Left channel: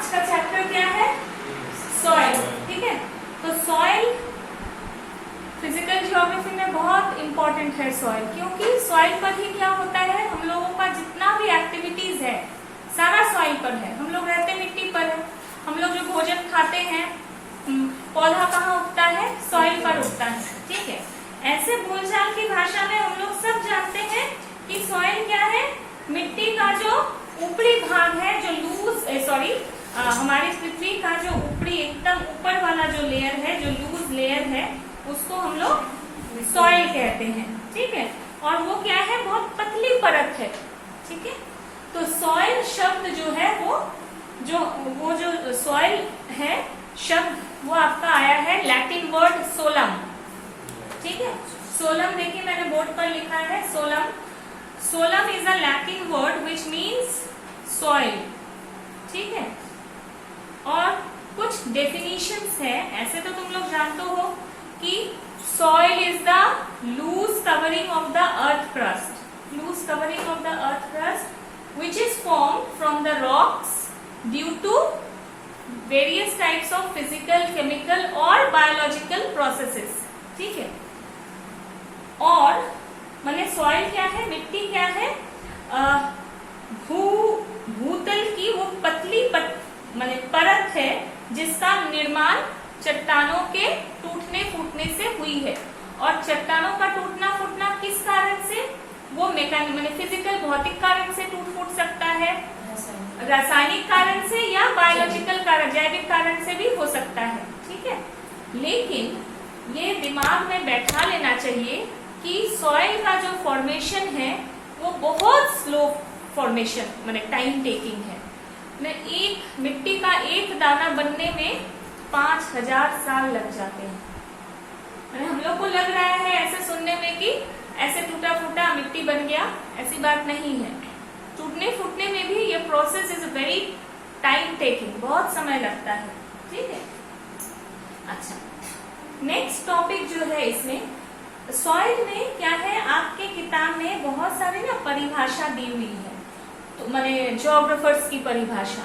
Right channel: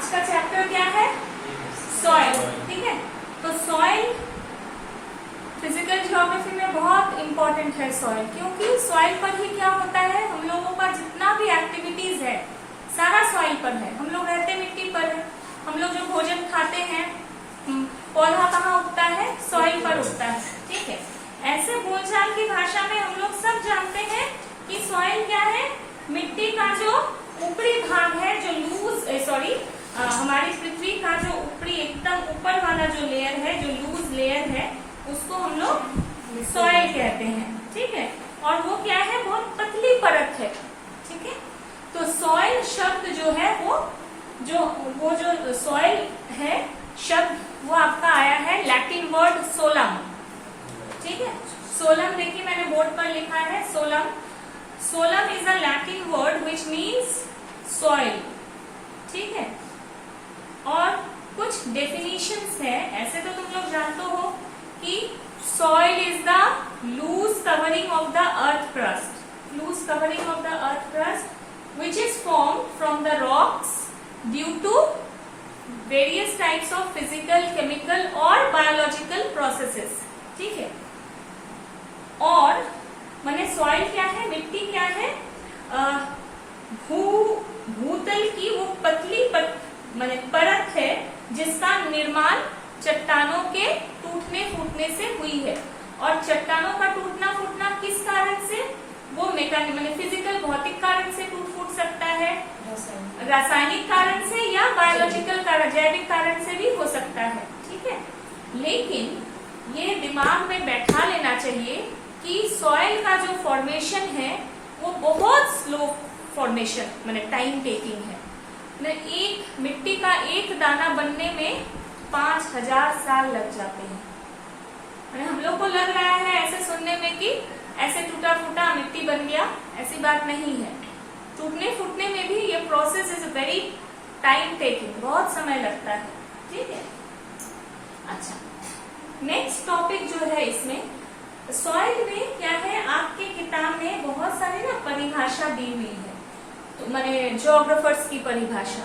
आज का चैप्टर क्या है? सॉइल। ठीक है, तो सॉइल फिजिकल ज्योग्राफी में बहुत इंपॉर्टेंट है सॉइल, क्योंकि सॉइल पर ही क्या होता है, हम लोगों का जितना भी एक्टिविटीज है सारा सॉइल पर है। हम लोग रहते मिट्टी पर है, हम लोग जो भोजन खाते हैं पौधा कहाँ उगता है? सॉइल पर उगता है। ठीक है, ऐसे बोलचाल की भाषा में हम लोग सब जानते हैं कि सॉइल क्या है? मिट्टी का जो ऊपरी भाग है, जो हमारी पृथ्वी का जो ऊपरी एकदम ऊपर वाला जो लेयर है, जो लूज लेयर है, उसको हम लोग सॉइल कहते हैं। ठीक है, और वो क्या है? बहुत पतली परत है। ठीक है, तो सॉइल शब्द जो है वो जो सॉइल है शब्द, वो आपका आया है लैटिन वर्ड सोलम। ठीक है, सोलम देखिए मैंने बोर्ड पर लिखा है solum. Solum is a Latin word which means soil. ठीक है, और कुछ डेफिनेशंस है, ऐसे तो तुम लोग जानते हो कि soil is the loose covering of the earth crust. Loose covering of the earth crust which is formed from the rocks due to various types of physical, chemical और बायोलॉजिकल प्रोसेसेस। ठीक है, और माने सॉइल क्या है? मिट्टी क्या है? भूतल की वो पतली माने परत है जिसका निर्माण चट्टानों के टूटने फूटने से हुई है। और चट्टानों का टूटना फूटना किस कारण से? वो मैकेनिकल माने फिजिकल, भौतिक कारण से टूट फूट सकता है, रासायनिक कारण से या बायोलॉजिकल कारण, जैविक कारण से भी हो सकता है। ठीक है, लेकिन ये दिमाग में बैठा लेना चाहिए कि सॉइल का जो फॉर्मेशन है वो बहुत स्लो फॉर्मेशन माने टाइम टेकिंग है। एक मिट्टी का एक दाना बनने में 5000 साल लग जाते हैं। माने हम लोग को लग रहा है ऐसे सुनने में कि ऐसे टूटा फूटा मिट्टी बन गया, ऐसी बात नहीं है। टूटने फूटने में भी ये process is very time taking, बहुत समय लगता है। ठीक है, अच्छा नेक्स्ट टॉपिक जो है इसमें सॉइल में क्या है, आपके किताब में बहुत सारी ना परिभाषा दी हुई है, तो माने ज्योग्राफर्स की परिभाषा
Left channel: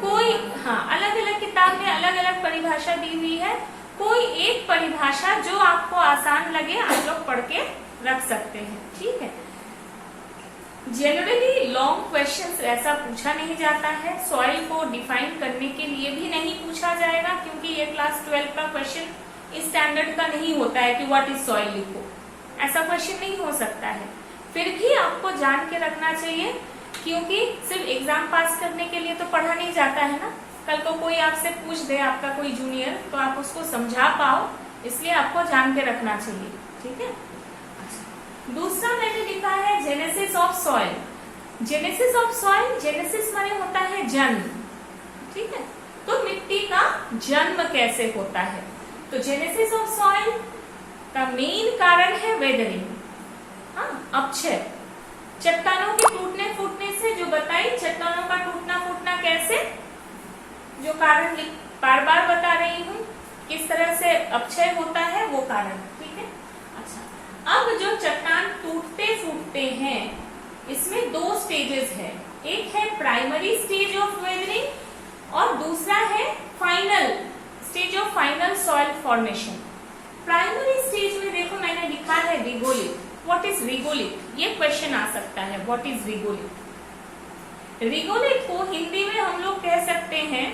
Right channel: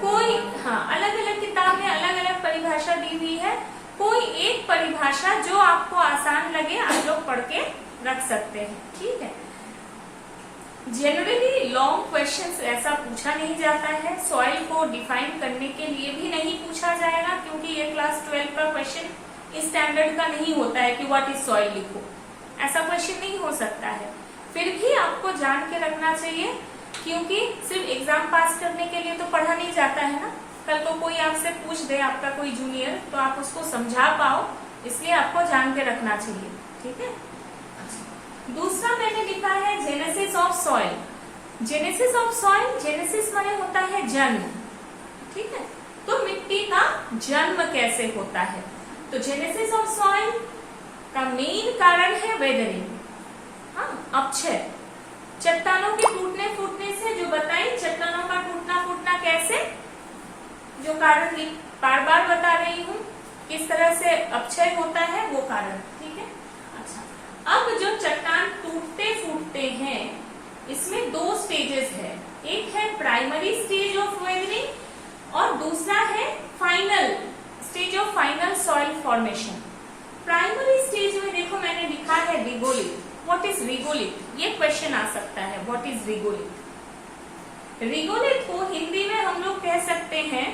कोई, हाँ अलग अलग किताब में अलग अलग परिभाषा दी हुई है। कोई एक परिभाषा जो आपको आसान लगे आप लोग पढ़ के रख सकते हैं। ठीक है, जनरली लॉन्ग क्वेश्चंस ऐसा पूछा नहीं जाता है, सॉइल को डिफाइन करने के लिए भी नहीं पूछा जाएगा, क्योंकि ये क्लास 12 का क्वेश्चन इस स्टैंडर्ड का नहीं होता है कि व्हाट इज सॉइल लिखो, ऐसा क्वेश्चन नहीं हो सकता है। फिर भी आपको जान के रखना चाहिए, क्योंकि सिर्फ एग्जाम पास करने के लिए तो पढ़ा नहीं जाता है ना। कल को कोई आपसे पूछ दे, आपका कोई जूनियर, तो आप उसको समझा पाओ, इसलिए आपको जान के रखना चाहिए। ठीक है, अच्छा दूसरा मैंने लिखा है genesis of soil. Genesis of soil, genesis माने होता है जन्म। ठीक है, तो मिट्टी का जन्म कैसे होता है? तो जेनेसिस ऑफ सॉइल का मेन कारण है वेदरिंग, हाँ अपक्षय, चट्टानों के टूटने फूटने से। जो बताई चट्टानों का टूटना फूटना कैसे, जो कारण बार बार बता रही हूँ, किस तरह से अपक्षय होता है वो कारण। ठीक है, अच्छा अब जो चट्टान टूटते फूटते हैं इसमें दो स्टेजेस है, एक है प्राइमरी स्टेज ऑफ वेदरिंग और दूसरा है final stage of final soil formation. Primary stage में देखो मैंने लिखा है रिगोलिथ। What is regolith? ये क्वेश्चन आ सकता है, व्हाट इज रिगोलिथ? रिगोलिथ को हिंदी में हम लोग कह सकते हैं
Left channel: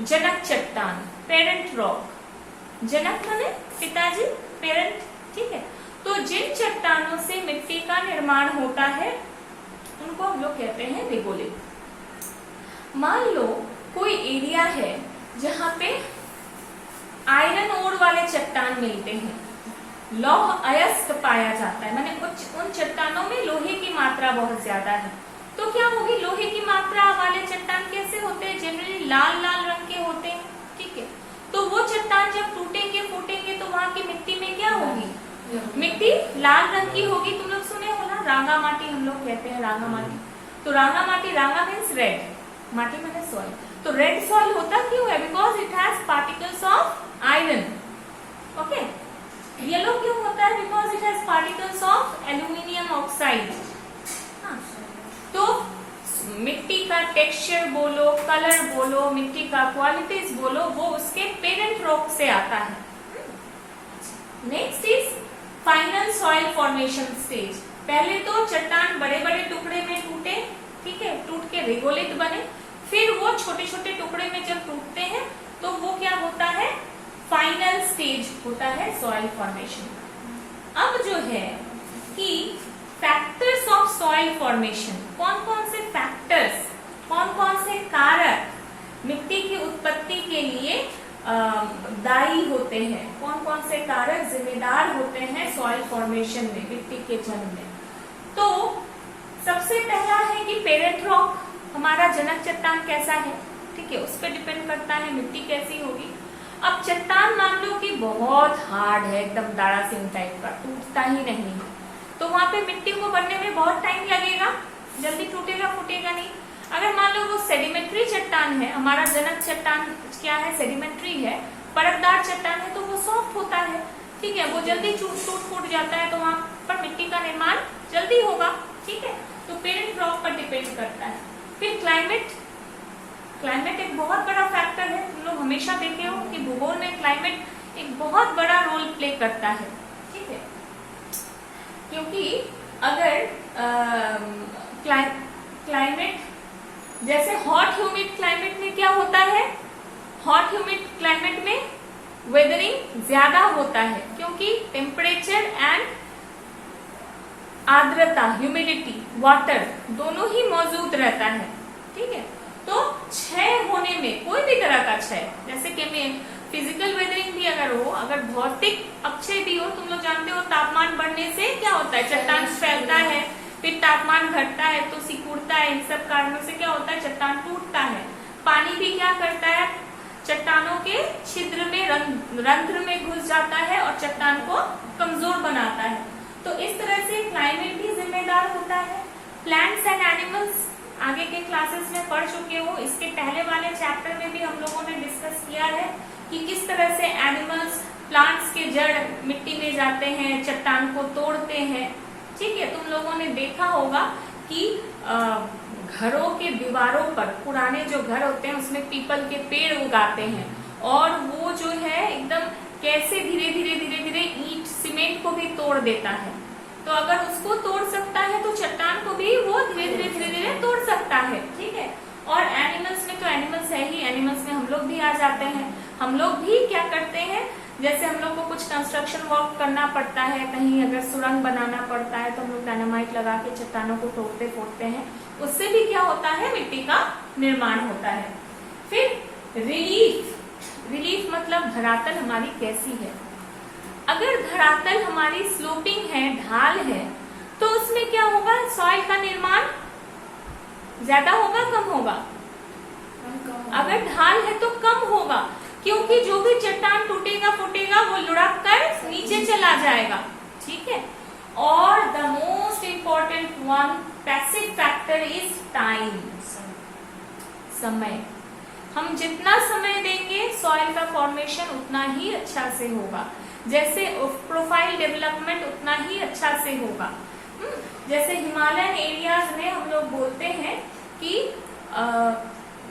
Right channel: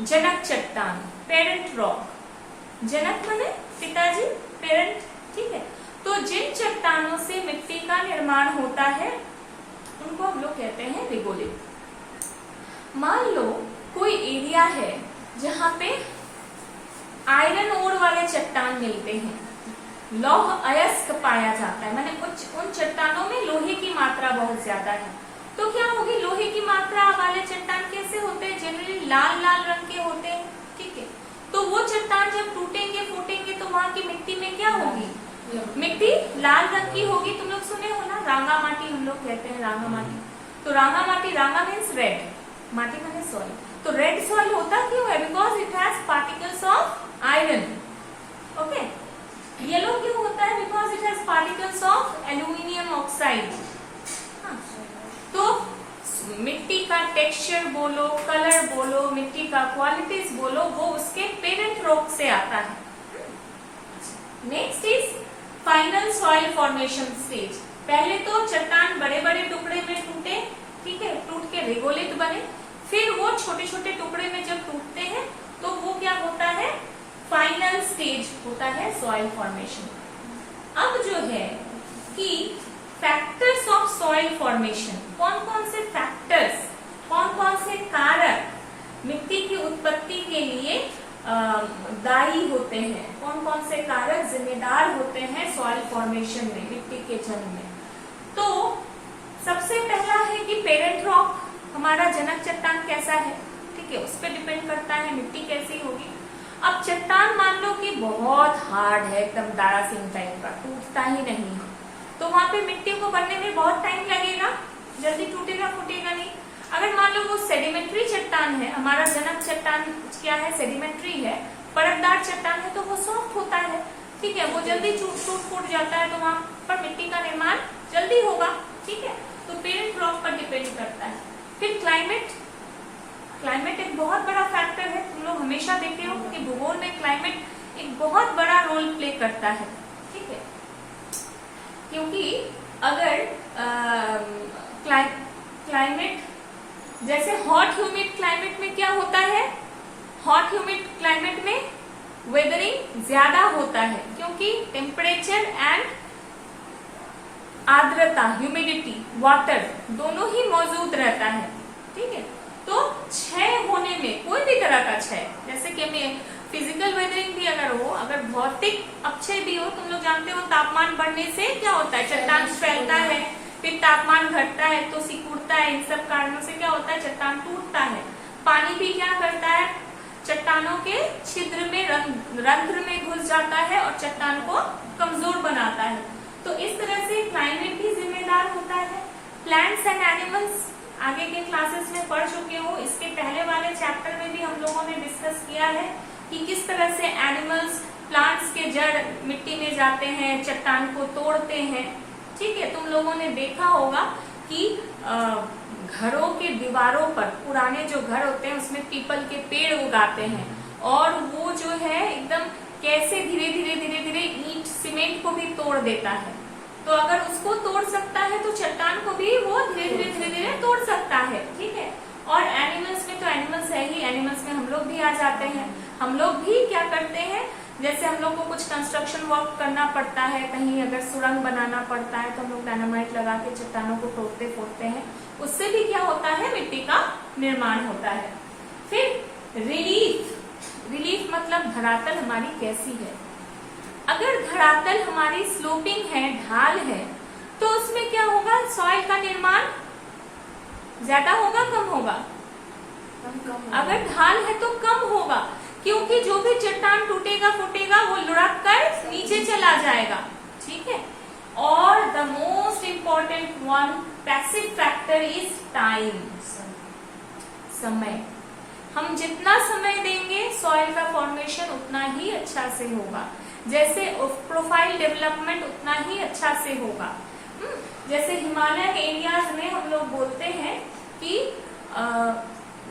जनक चट्टान, पेरेंट रॉक। जनक माने पिताजी, पेरेंट। ठीक है, तो जिन चट्टानों से मिट्टी का निर्माण होता है उनको हम लोग कहते हैं रिगोलिथ। मान लो कोई एरिया है जहाँ पे आयरन ओर वाले चट्टान मिलते हैं, लौह अयस्क पाया जाता है, माने उन चट्टानों में लोहे की मात्रा बहुत ज्यादा है। तो क्या होगी, लोहे की मात्रा वाले चट्टान कैसे होते हैं? जनरली लाल लाल रंग के होते हैं। ठीक है, तो वो चट्टान जब टूटेंगे फूटेंगे तो वहां की मिट्टी में क्या होगी? मिट्टी लाल रंग की होगी। तुम लोग सुने हो ना रांगा माटी, हम लोग कहते हैं रांगा माटी। तो रांगा माटी, रांगा मीन्स रेड, माटी माने सॉइल। तो रेड सॉइल होता क्यों है? Because it has particles of iron. Okay, yellow क्यों होता है? Because it has particles of aluminium oxide. तो मिट्टी का टेक्सचर बोलो, कलर बोलो, मिट्टी का क्वालिटीज बोलो, वो उसके पेरेंट रॉक से आता है। Next is final soil formation stage. पहले तो चट्टान बड़े बड़े टुकड़े में टूटे, ठीक है, टूट के रेगोलिथ बने, फिर वो छोटे छोटे टुकड़े में जब टूटते हैं तो वो क्या होता है, फाइनल स्टेज होता है सॉइल फॉर्मेशन। अब जो है कि फैक्टर्स ऑफ सॉइल फॉर्मेशन, कौन कौन से फैक्टर्स, कौन कौन से कारक मिट्टी की उत्पत्ति के लिए दायी होते हैं, कौन कौन से कारक जिम्मेदार होते हैं सॉइल फॉर्मेशन में, मिट्टी के जन्म में। तो सबसे पहला है कि पेरेंट रॉक, हमारा जनक चट्टान कैसा है, ठीक है, उस पर डिपेंड करता है मिट्टी कैसी होगी। अब चट्टान मान लो कि बहुत हार्ड है, एकदम दाड़ा सिंह टाइप का, टूटता ही नहीं है, तो वहां पे मिट्टी को बनने में बहुत टाइम लगेगा, जल्दी टूटेगा फूटेगा नहीं। अगर मान लो वो सेडिमेंट्री चट्टान है, हमारा जनक चट्टान क्या है, सेडिमेंट्री है, परतदार चट्टान है, तो वो सॉफ्ट होता है, ठीक है, वो जल्दी टूट फूट जाता है, तो वहां पर मिट्टी का निर्माण जल्दी होगा, ठीक है। तो पेरेंट रॉक पर डिपेंड करता है। फिर क्लाइमेट, क्लाइमेट एक बहुत बड़ा फैक्टर है। तुम लोग हमेशा देखे हो कि भूगोल में क्लाइमेट एक बहुत बड़ा रोल प्ले करता है, ठीक है, क्योंकि अगर क्लाइमेट जैसे हॉट ह्यूमिड क्लाइमेट में क्या होता है, हॉट ह्यूमिड क्लाइमेट में वेदरिंग ज्यादा होता है, क्योंकि टेम्परेचर एंड आर्द्रता, ह्यूमिडिटी, वाटर दोनों ही मौजूद रहता है, ठीक है। तो क्षय होने में, कोई भी तरह का क्षय, जैसे कि में फिजिकल वेदरिंग भी अगर हो, अगर भौतिक अपक्षय भी हो, तुम लोग जानते हो तापमान बढ़ने से क्या होता है, चट्टान फैलता है, फिर तापमान घटता है तो सिकुड़ता है, इन सब कारणों से क्या होता है, चट्टान टूटता है। पानी भी क्या करता है, चट्टानों के छिद्र में, रंध्र में घुस जाता है और चट्टान को कमजोर बनाता है। तो इस तरह से क्लाइमेट भी जिम्मेदार होता है। प्लांट्स एंड एनिमल्स आगे के क्लासेस में पढ़ चुके हो, इसके पहले वाले चैप्टर में भी हम लोगों ने डिस्कस किया है कि किस तरह से एनिमल्स प्लांट्स के जड़ मिट्टी में जाते हैं, चट्टान को तोड़ते हैं, ठीक है। तुम लोगों ने देखा होगा कि घरों के दीवारों पर, पुराने जो घर होते हैं उसमें पीपल के पेड़ उगाते हैं, और वो जो है एकदम कैसे धीरे धीरे धीरे धीरे ईंट सीमेंट को भी तोड़ देता है। तो अगर उसको तोड़ सकता है तो चट्टान को भी वो धीरे धीरे धीरे धीरे तोड़ सकता है, ठीक है। और एनिमल्स में तो एनिमल्स है ही, एनिमल्स में हम लोग भी आ जाते हैं। हम लोग भी क्या करते हैं, जैसे हम लोग को कुछ कंस्ट्रक्शन वर्क करना पड़ता है, कहीं अगर सुरंग बनाना पड़ता है तो हम लोग डायनामाइट लगा के चट्टानों को तोड़ते फोड़ते हैं, उससे भी क्या होता है, मिट्टी का निर्माण होता है। फिर रिलीफ, रिलीफ मतलब धरातल हमारी कैसी है। अगर धरातल हमारी स्लोपिंग है, ढाल है, तो उसमें क्या होगा, सॉइल का निर्माण ज्यादा होगा कम होगा, अगर ढाल है तो कम होगा, क्योंकि जो भी चट्टान टूटेगा फूटेगा वो लुढ़क कर नीचे चला जाएगा, ठीक है। और the most important one passive factor is time, समय। हम जितना समय देंगे सॉइल का फॉर्मेशन उतना ही अच्छा से होगा, जैसे प्रोफाइल डेवलपमेंट उतना ही अच्छा से होगा। जैसे हिमालयन एरियाज में हम लोग बोलते हैं कि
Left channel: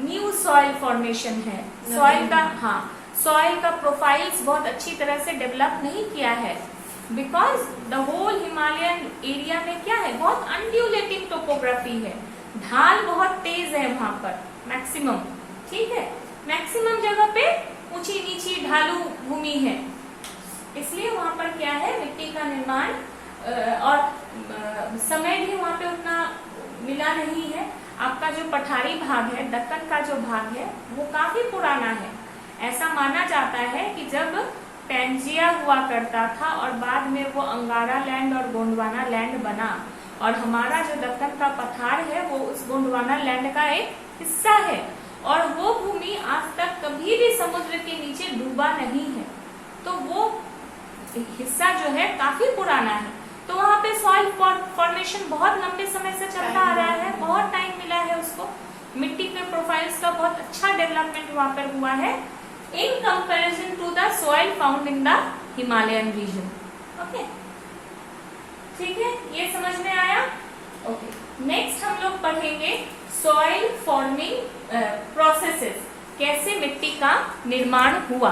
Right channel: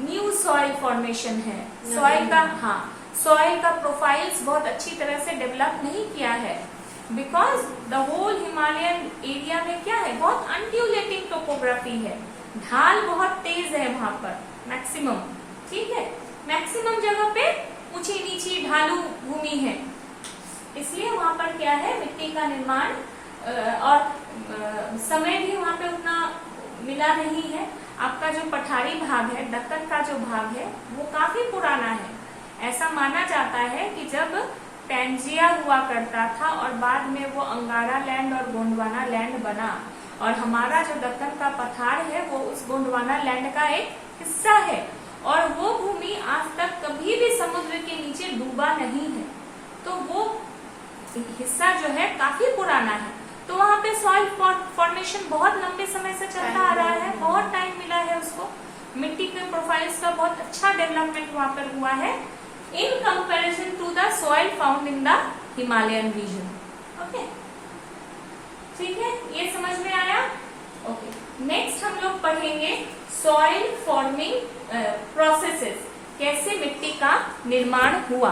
न्यू सॉइल फॉर्मेशन है, सॉइल का, हाँ, सॉइल का प्रोफाइल्स बहुत अच्छी तरह से डेवलप नहीं किया है, because the whole Himalayan area में क्या है, बहुत अनड्यूलेटिंग टोपोग्राफी है, ढाल बहुत तेज है वहां पर, मैक्सिमम, ठीक है, मैक्सिमम जगह पे ऊंची नीची ढालू भूमि है, इसलिए वहां पर क्या है, मिट्टी का निर्माण और समय भी वहां पे उतना मिला नहीं है। आपका जो पठारी भाग है, दक्कन का जो भाग है, वो काफी पुराना है। ऐसा माना जाता है कि जब पैंजिया हुआ करता था और बाद में वो अंगारा लैंड और गोंडवाना लैंड बना, और हमारा जो दक्कन का पठार है वो उस गोंडवाना लैंड का एक हिस्सा है, और वो भूमि आज तक कभी भी समुद्र के नीचे डूबा नहीं है, तो वो हिस्सा जो है काफी पुराना है। तो वहाँ पे सॉइल फॉर्मेशन बहुत लंबे समय से चलता आ रहा है, बहुत टाइम मिला है उसको, मिट्टी के प्रोफाइल्स का बहुत अच्छा डेवलपमेंट वहाँ पर हुआ है in comparison to the soil found in the Himalayan region. Okay, ठीक है, ये समझ में आया। ओके, नेक्स्ट हम लोग पढ़ेंगे सॉइल फॉर्मिंग प्रोसेसेस, कैसे मिट्टी का निर्माण हुआ।